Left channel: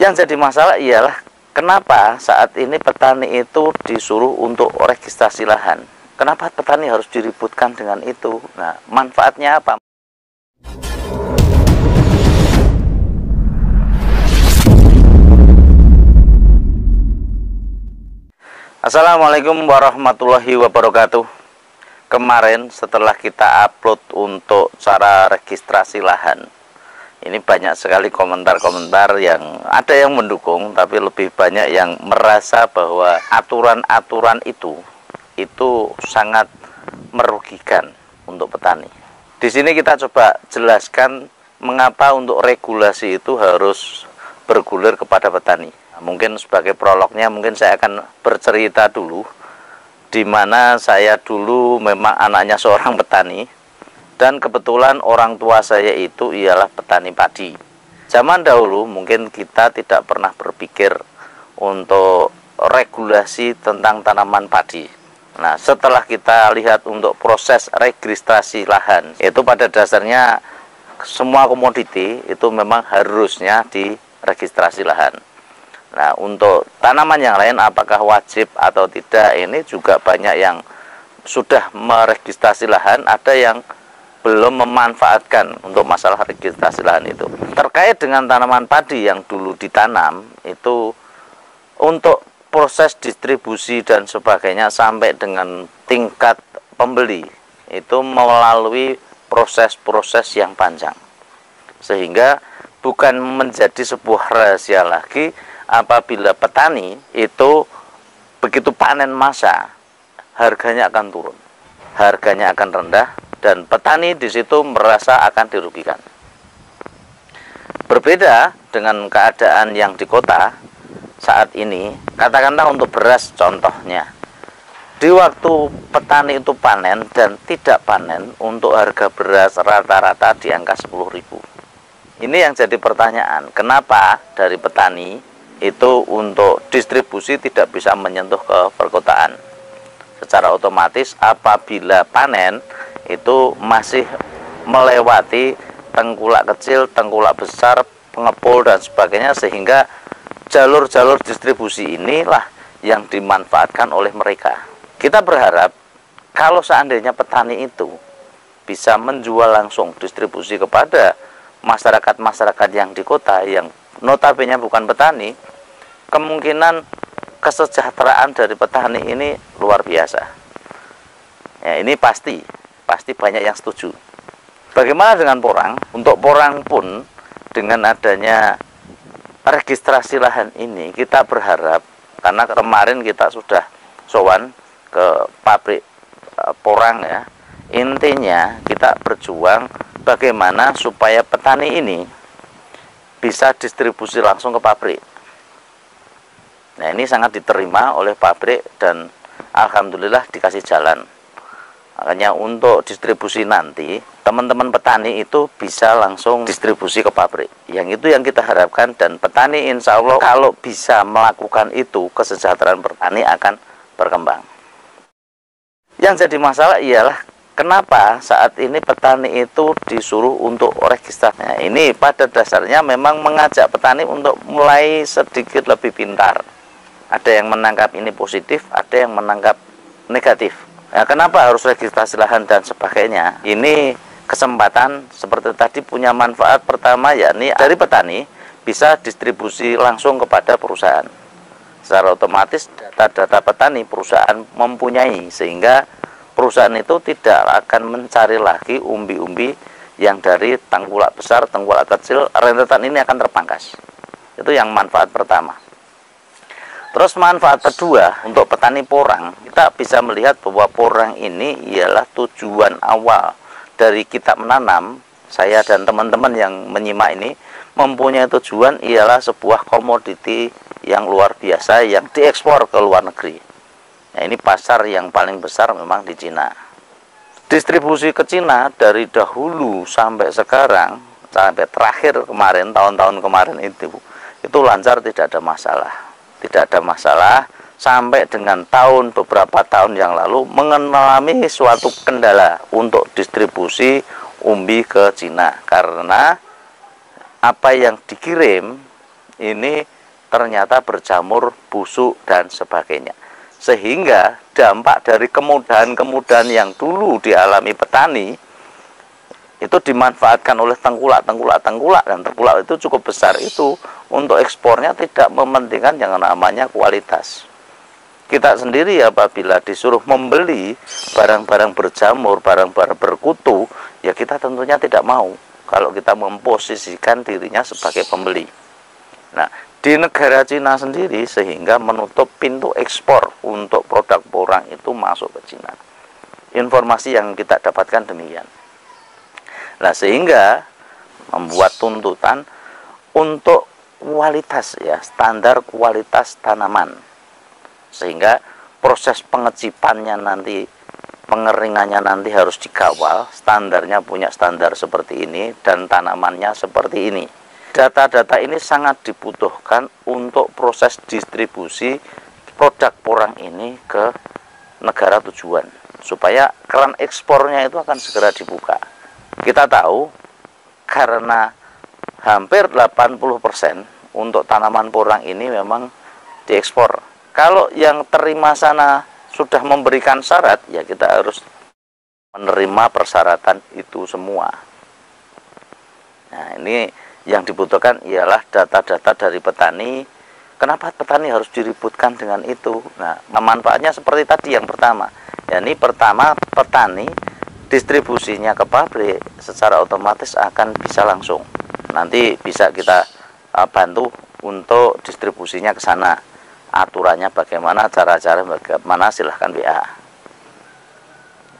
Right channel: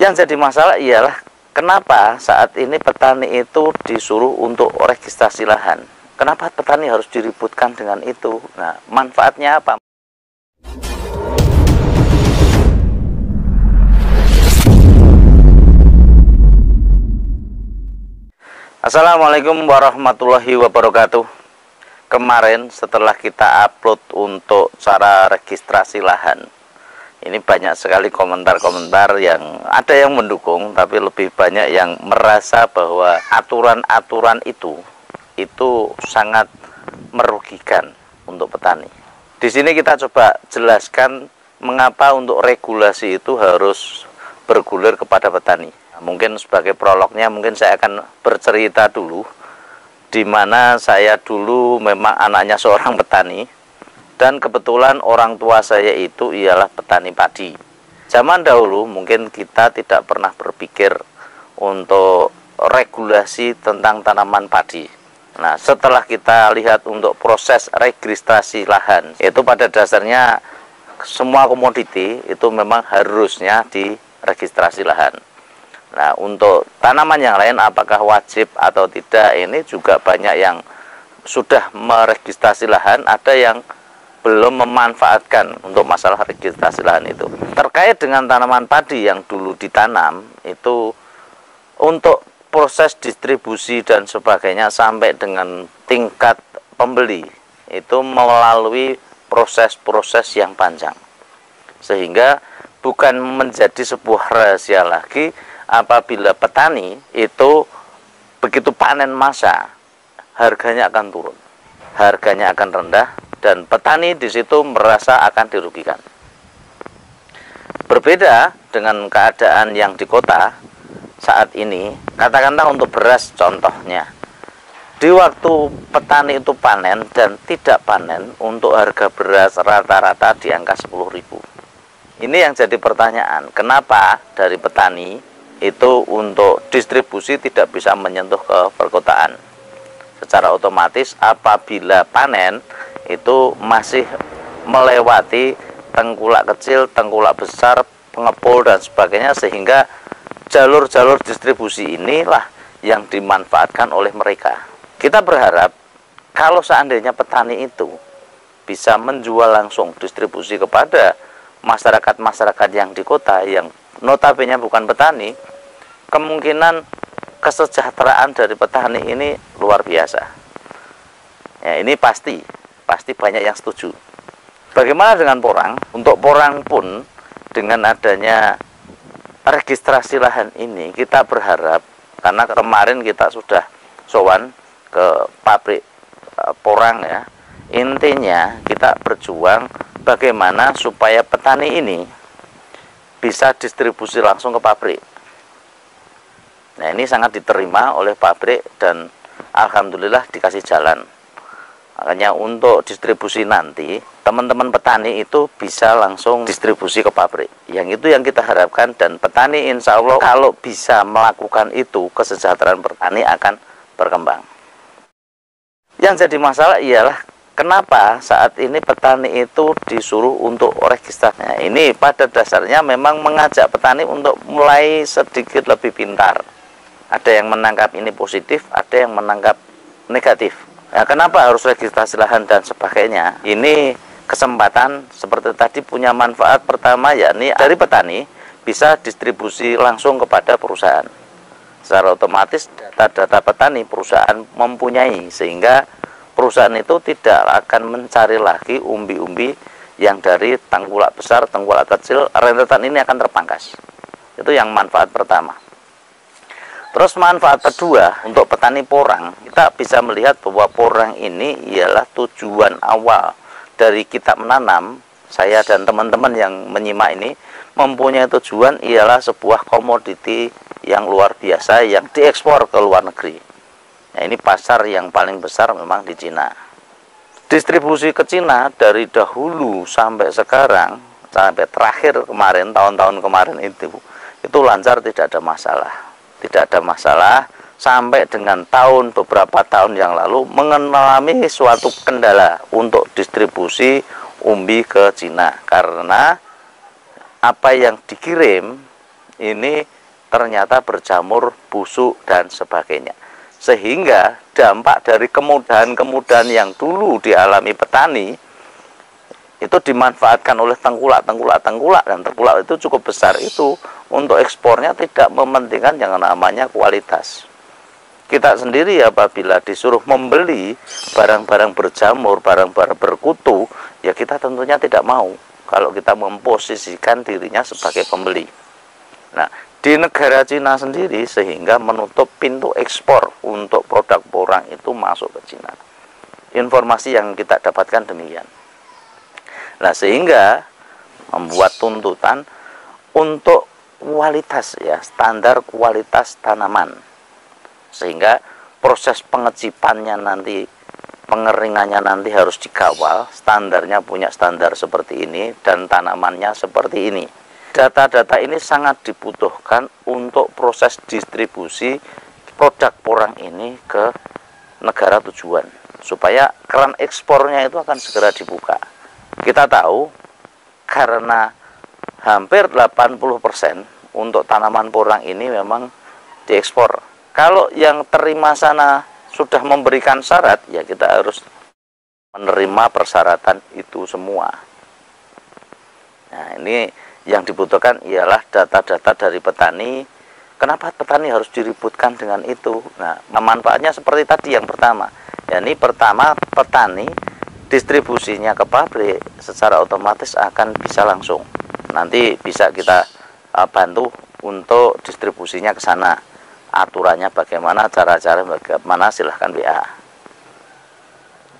Yang jadi masalah ialah kenapa saat ini petani itu disuruh untuk registrasi lahan. Kenapa petani harus diributkan dengan itu? Nah, manfaatnya apa? Assalamualaikum warahmatullahi wabarakatuh. Kemarin setelah kita upload untuk cara registrasi lahan, ini banyak sekali komentar-komentar yang ada yang mendukung, tapi lebih banyak yang merasa bahwa aturan-aturan itu sangat merugikan untuk petani. Di sini kita coba jelaskan mengapa untuk regulasi itu harus bergulir kepada petani. Mungkin sebagai prolognya mungkin saya akan bercerita dulu, di mana saya dulu memang anaknya seorang petani. Dan kebetulan orang tua saya itu ialah petani padi. Zaman dahulu mungkin kita tidak pernah berpikir untuk regulasi tentang tanaman padi. Nah, setelah kita lihat untuk proses registrasi lahan, itu pada dasarnya semua komoditi itu memang harusnya diregistrasi lahan. Nah, untuk tanaman yang lain apakah wajib atau tidak, ini juga banyak yang sudah meregistrasi lahan, ada yang belum memanfaatkan untuk masalah registrasi lahan itu. Terkait dengan tanaman padi yang dulu ditanam, itu untuk proses distribusi dan sebagainya sampai dengan tingkat pembeli, itu melalui proses-proses yang panjang. Sehingga bukan menjadi sebuah rahasia lagi apabila petani itu begitu panen masa, harganya akan turun, harganya akan rendah, dan petani di situ merasa akan dirugikan. Berbeda dengan keadaan yang di kota saat ini, katakanlah untuk beras contohnya. Di waktu petani itu panen dan tidak panen, untuk harga beras rata-rata di angka 10.000. Ini yang jadi pertanyaan, kenapa dari petani itu untuk distribusi tidak bisa menyentuh ke perkotaan? Secara otomatis apabila panen itu masih melewati tengkulak kecil, tengkulak besar, pengepul dan sebagainya, sehingga jalur-jalur distribusi inilah yang dimanfaatkan oleh mereka. Kita berharap kalau seandainya petani itu bisa menjual langsung distribusi kepada masyarakat-masyarakat yang di kota yang notabene bukan petani, kemungkinan kesejahteraan dari petani ini luar biasa. Ya, ini pasti banyak yang setuju. Bagaimana dengan porang? Untuk porang pun dengan adanya registrasi lahan ini kita berharap, karena kemarin kita sudah sowan ke pabrik porang ya. Intinya kita berjuang bagaimana supaya petani ini bisa distribusi langsung ke pabrik. Nah, ini sangat diterima oleh pabrik dan alhamdulillah dikasih jalan. Makanya untuk distribusi nanti, teman-teman petani itu bisa langsung distribusi ke pabrik. Yang itu yang kita harapkan, dan petani insya Allah kalau bisa melakukan itu, kesejahteraan petani akan berkembang. Yang jadi masalah ialah kenapa saat ini petani itu disuruh untuk registrasi. Nah, ini pada dasarnya memang mengajak petani untuk mulai sedikit lebih pintar. Ada yang menangkap ini positif, ada yang menangkap negatif. Nah, kenapa harus registrasi lahan dan sebagainya? Ini kesempatan seperti tadi punya manfaat pertama, yakni dari petani bisa distribusi langsung kepada perusahaan. Secara otomatis data-data petani perusahaan mempunyai, sehingga perusahaan itu tidak akan mencari lagi umbi-umbi yang dari tengkulak besar, tengkulak kecil, rentetan ini akan terpangkas. Itu yang manfaat pertama. Terus manfaat kedua untuk petani porang, kita bisa melihat bahwa porang ini ialah tujuan awal dari kita menanam. Saya dan teman-teman yang menyimak ini mempunyai tujuan ialah sebuah komoditi yang luar biasa yang diekspor ke luar negeri. Nah, ini pasar yang paling besar memang di Cina. Distribusi ke Cina dari dahulu sampai sekarang, sampai terakhir kemarin, tahun-tahun kemarin itu lancar, tidak ada masalah. Tidak ada masalah sampai dengan beberapa tahun yang lalu mengalami suatu kendala untuk distribusi umbi ke Cina, karena apa yang dikirim ini ternyata berjamur, busuk, dan sebagainya. Sehingga dampak dari kemudahan-kemudahan yang dulu dialami petani itu dimanfaatkan oleh tengkulak, dan tengkulak itu cukup besar itu untuk ekspornya tidak mementingkan yang namanya kualitas. Kita sendiri apabila disuruh membeli barang-barang berjamur, barang-barang berkutu, ya kita tentunya tidak mau kalau kita memposisikan dirinya sebagai pembeli. Nah, di negara Cina sendiri sehingga menutup pintu ekspor untuk produk porang itu masuk ke Cina. Informasi yang kita dapatkan demikian. Nah, sehingga membuat tuntutan untuk kualitas, ya, standar kualitas tanaman. Sehingga proses pengecipannya nanti, pengeringannya nanti harus dikawal, standarnya punya standar seperti ini dan tanamannya seperti ini. Data-data ini sangat dibutuhkan untuk proses distribusi produk porang ini ke negara tujuan, supaya keran ekspornya itu akan segera dibuka. Kita tahu karena hampir 80% untuk tanaman porang ini memang diekspor. Kalau yang terima sana sudah memberikan syarat, ya kita harus menerima persyaratan itu semua. Nah, ini yang dibutuhkan ialah data-data dari petani. Kenapa petani harus diributkan dengan itu? Nah, manfaatnya seperti tadi yang pertama. Ya, ini pertama, petani distribusinya ke pabrik secara otomatis akan bisa langsung. Nanti bisa kita bantu untuk distribusinya ke sana. Aturannya bagaimana, cara-cara bagaimana, silahkan WA.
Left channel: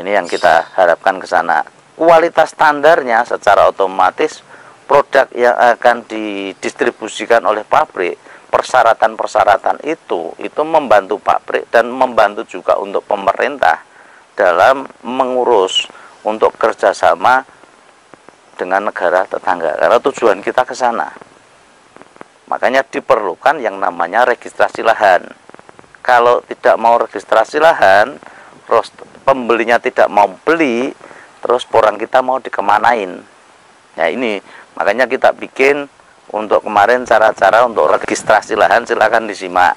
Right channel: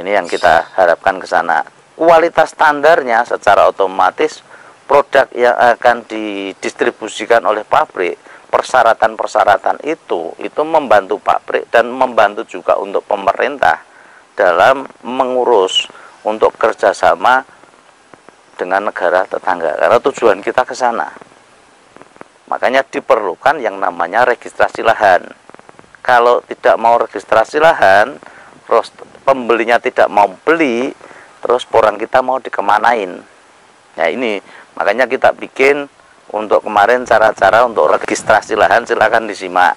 Ini yang kita harapkan ke sana. Kualitas standarnya secara otomatis produk yang akan didistribusikan oleh pabrik, persyaratan-persyaratan itu membantu pabrik dan membantu juga untuk pemerintah dalam mengurus untuk kerjasama dengan negara tetangga, karena tujuan kita ke sana. Makanya diperlukan yang namanya registrasi lahan. Kalau tidak mau registrasi lahan, terus pembelinya tidak mau beli, terus porang kita mau dikemanain. Nah, ini makanya kita bikin untuk kemarin cara-cara untuk registrasi lahan, silakan disimak.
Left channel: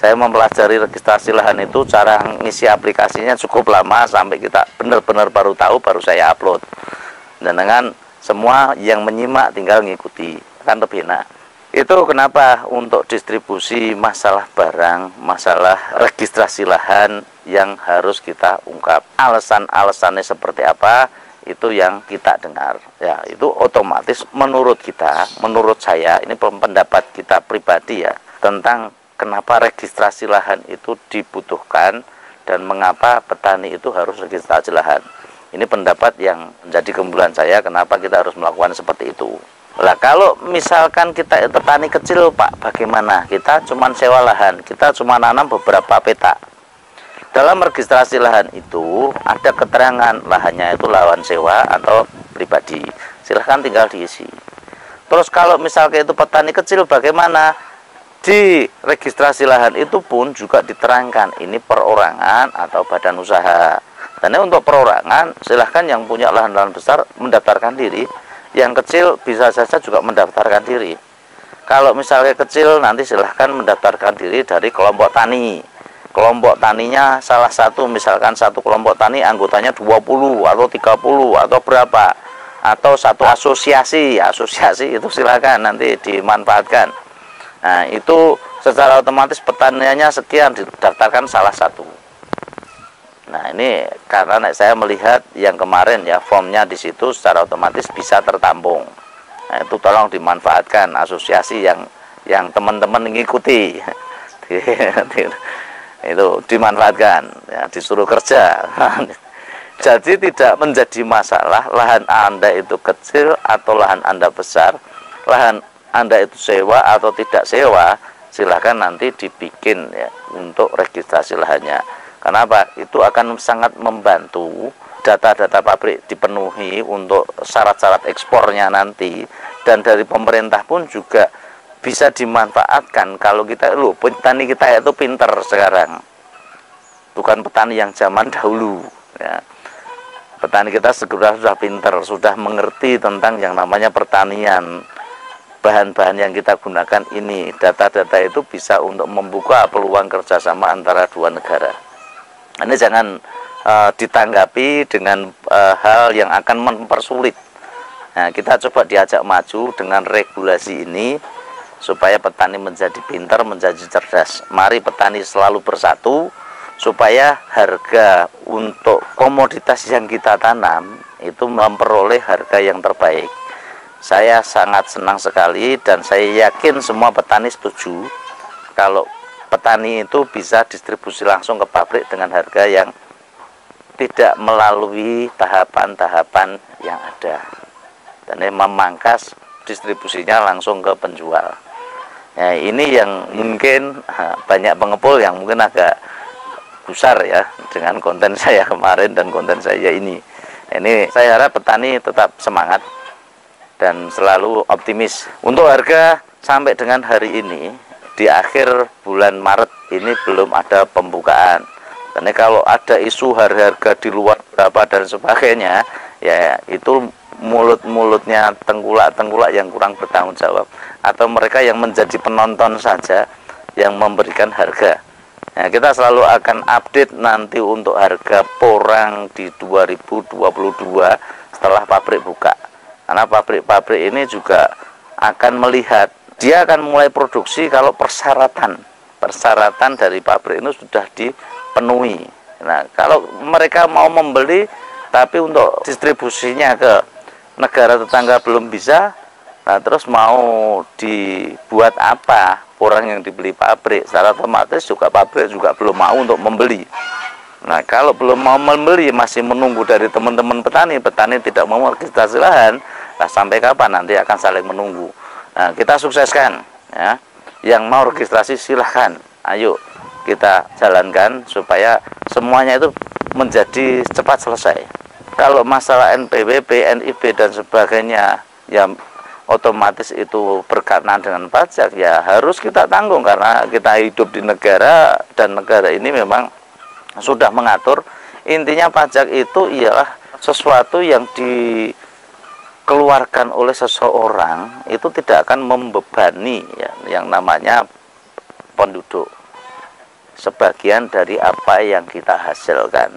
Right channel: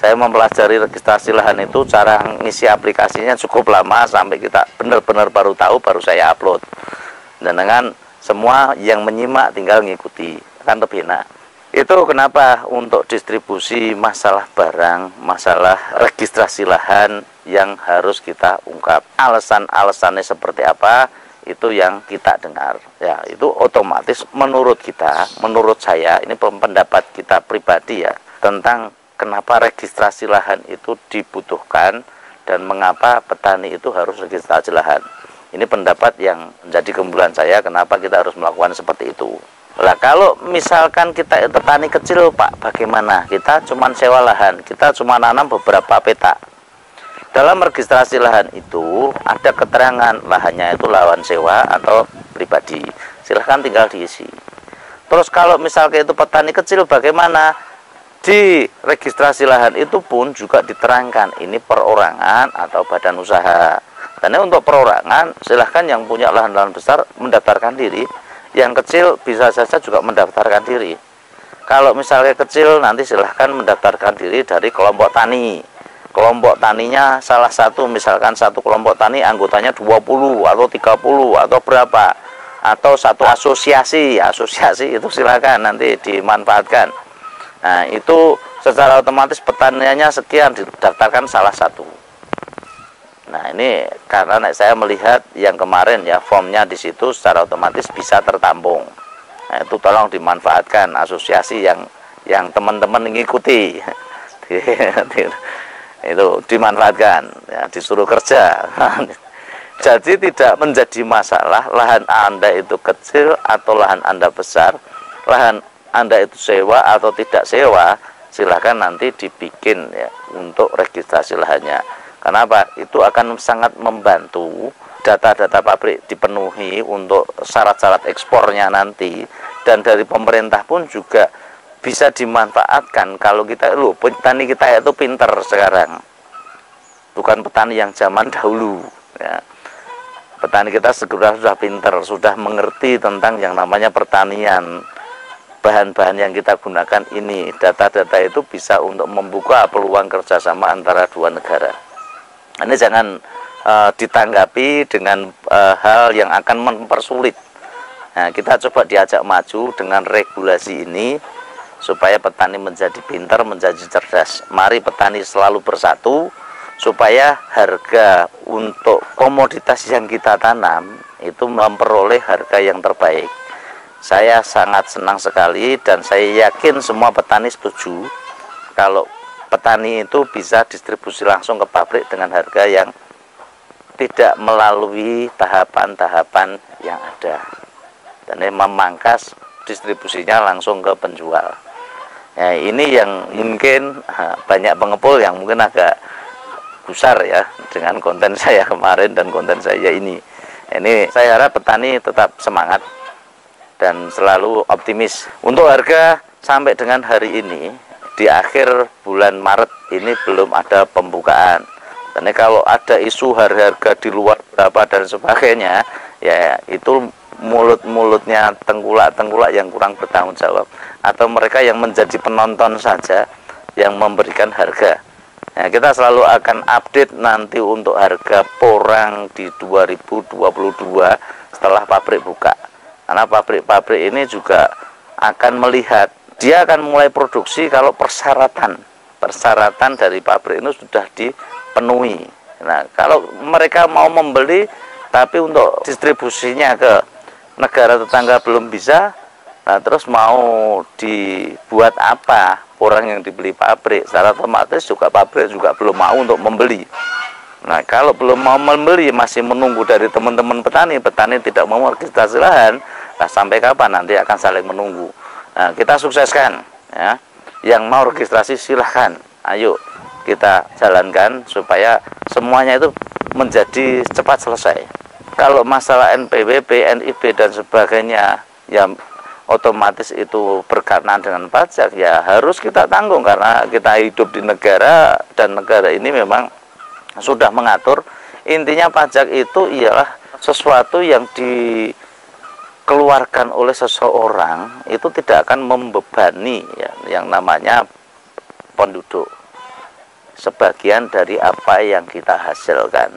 Saya mempelajari registrasi lahan itu, cara ngisi aplikasinya cukup lama sampai kita benar-benar baru tahu, baru saya upload. Dan dengan semua yang menyimak tinggal ngikuti, kan lebih enak. Itu kenapa untuk distribusi masalah barang, masalah registrasi lahan yang harus kita ungkap. Alasan-alasannya seperti apa, itu yang kita dengar. Ya, itu otomatis menurut kita, menurut saya, ini pendapat kita pribadi ya, tentang kenapa registrasi lahan itu dibutuhkan dan mengapa petani itu harus registrasi lahan. Ini pendapat yang menjadi kesimpulan saya kenapa kita harus melakukan seperti itu. Lah, kalau misalkan kita petani kecil, Pak, bagaimana? Kita cuma sewa lahan, kita cuma nanam beberapa petak. Dalam registrasi lahan itu ada keterangan lahannya itu lahan sewa atau pribadi. Silahkan tinggal diisi. Terus kalau misalkan itu petani kecil, bagaimana? Di registrasi lahan itu pun juga diterangkan ini perorangan atau badan usaha. Karena untuk perorangan silahkan yang punya lahan-lahan besar mendaftarkan diri, yang kecil bisa saja juga mendaftarkan diri. Kalau misalnya kecil nanti silahkan mendaftarkan diri dari kelompok tani. Kelompok taninya salah satu, misalkan satu kelompok tani anggotanya 20 atau 30 atau berapa, atau satu asosiasi itu silahkan nanti dimanfaatkan. Nah, itu secara otomatis petaniannya sekian didaftarkan salah satu. Nah, ini karena saya melihat yang kemarin ya, formnya di situ secara otomatis bisa tertampung. Nah, itu tolong dimanfaatkan asosiasi yang teman-teman mengikuti. Itu dimanfaatkan ya, disuruh kerja. Jadi tidak menjadi masalah lahan Anda itu kecil atau lahan Anda besar, lahan Anda itu sewa atau tidak sewa, silahkan nanti dibikin ya untuk registrasi lahannya. Kenapa? Itu akan sangat membantu data-data pabrik dipenuhi untuk syarat-syarat ekspornya nanti, dan dari pemerintah pun juga bisa dimanfaatkan. Kalau kita, petani kita itu pinter sekarang, bukan petani yang zaman dahulu ya. Petani kita sudah pinter, sudah mengerti tentang yang namanya pertanian, bahan-bahan yang kita gunakan ini, data-data itu bisa untuk membuka peluang kerjasama antara dua negara. Ini jangan ditanggapi dengan hal yang akan mempersulit. Nah, kita coba diajak maju dengan regulasi ini supaya petani menjadi pintar, menjadi cerdas. Mari petani selalu bersatu supaya harga untuk komoditas yang kita tanam itu memperoleh harga yang terbaik. Saya sangat senang sekali dan saya yakin semua petani setuju kalau petani itu bisa distribusi langsung ke pabrik dengan harga yang tidak melalui tahapan-tahapan yang ada, dan ini memangkas distribusinya langsung ke penjual. Ya, ini yang mungkin banyak pengepul yang mungkin agak gusar ya dengan konten saya kemarin dan konten saya ini. Ini saya harap petani tetap semangat dan selalu optimis. Untuk harga sampai dengan hari ini, di akhir bulan Maret ini belum ada pembukaan. Karena kalau ada isu harga di luar berapa dan sebagainya, ya itu mulut-mulutnya tengkulak-tengkulak yang kurang bertanggung jawab, atau mereka yang menjadi penonton saja yang memberikan harga. Nah, kita selalu akan update nanti untuk harga porang di 2022 setelah pabrik buka. Karena pabrik-pabrik ini juga akan melihat, dia akan mulai produksi kalau persyaratan dari pabrik ini sudah dipenuhi. Nah, kalau mereka mau membeli tapi untuk distribusinya ke negara tetangga belum bisa, nah terus mau dibuat apa porang yang dibeli pabrik? Secara otomatis juga pabrik juga belum mau untuk membeli. Nah, kalau belum mau membeli, masih menunggu dari teman-teman petani tidak mau registrasi lahan, nah sampai kapan nanti akan saling menunggu. Nah, kita sukseskan ya. Yang mau registrasi silahkan, ayo kita jalankan supaya semuanya itu menjadi cepat selesai. Kalau masalah NPWP, NIB dan sebagainya, ya otomatis itu berkaitan dengan pajak, ya harus kita tanggung karena kita hidup di negara dan negara ini memang sudah mengatur. Intinya pajak itu ialah sesuatu yang dikeluarkan oleh seseorang itu tidak akan membebani ya, yang namanya penduduk, sebagian dari apa yang kita hasilkan.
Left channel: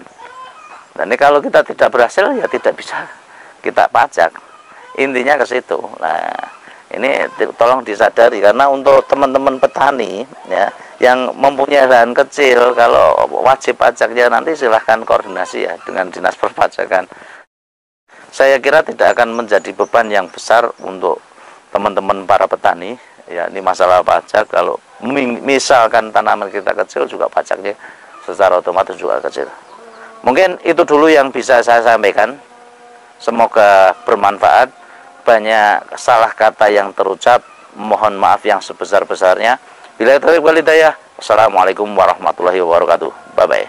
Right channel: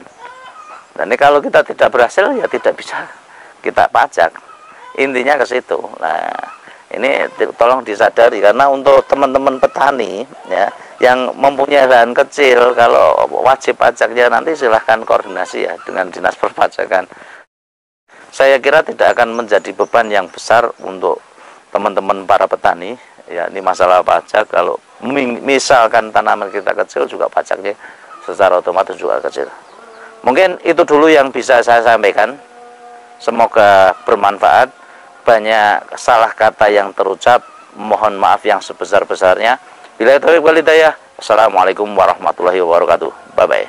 Dan ini kalau kita tidak berhasil ya tidak bisa kita pajak. Intinya ke situ. Nah, ini tolong disadari karena untuk teman-teman petani ya yang mempunyai lahan kecil, kalau wajib pajaknya nanti silahkan koordinasi ya dengan Dinas Perpajakan. Saya kira tidak akan menjadi beban yang besar untuk teman-teman para petani ya. Ini masalah pajak, kalau misalkan tanaman kita kecil juga pajaknya secara otomatis juga kecil. Mungkin itu dulu yang bisa saya sampaikan. Semoga bermanfaat. Banyak salah kata yang terucap, mohon maaf yang sebesar-besarnya. Billahi taufiq wal hidayah. Wassalamualaikum warahmatullahi wabarakatuh. Bye bye.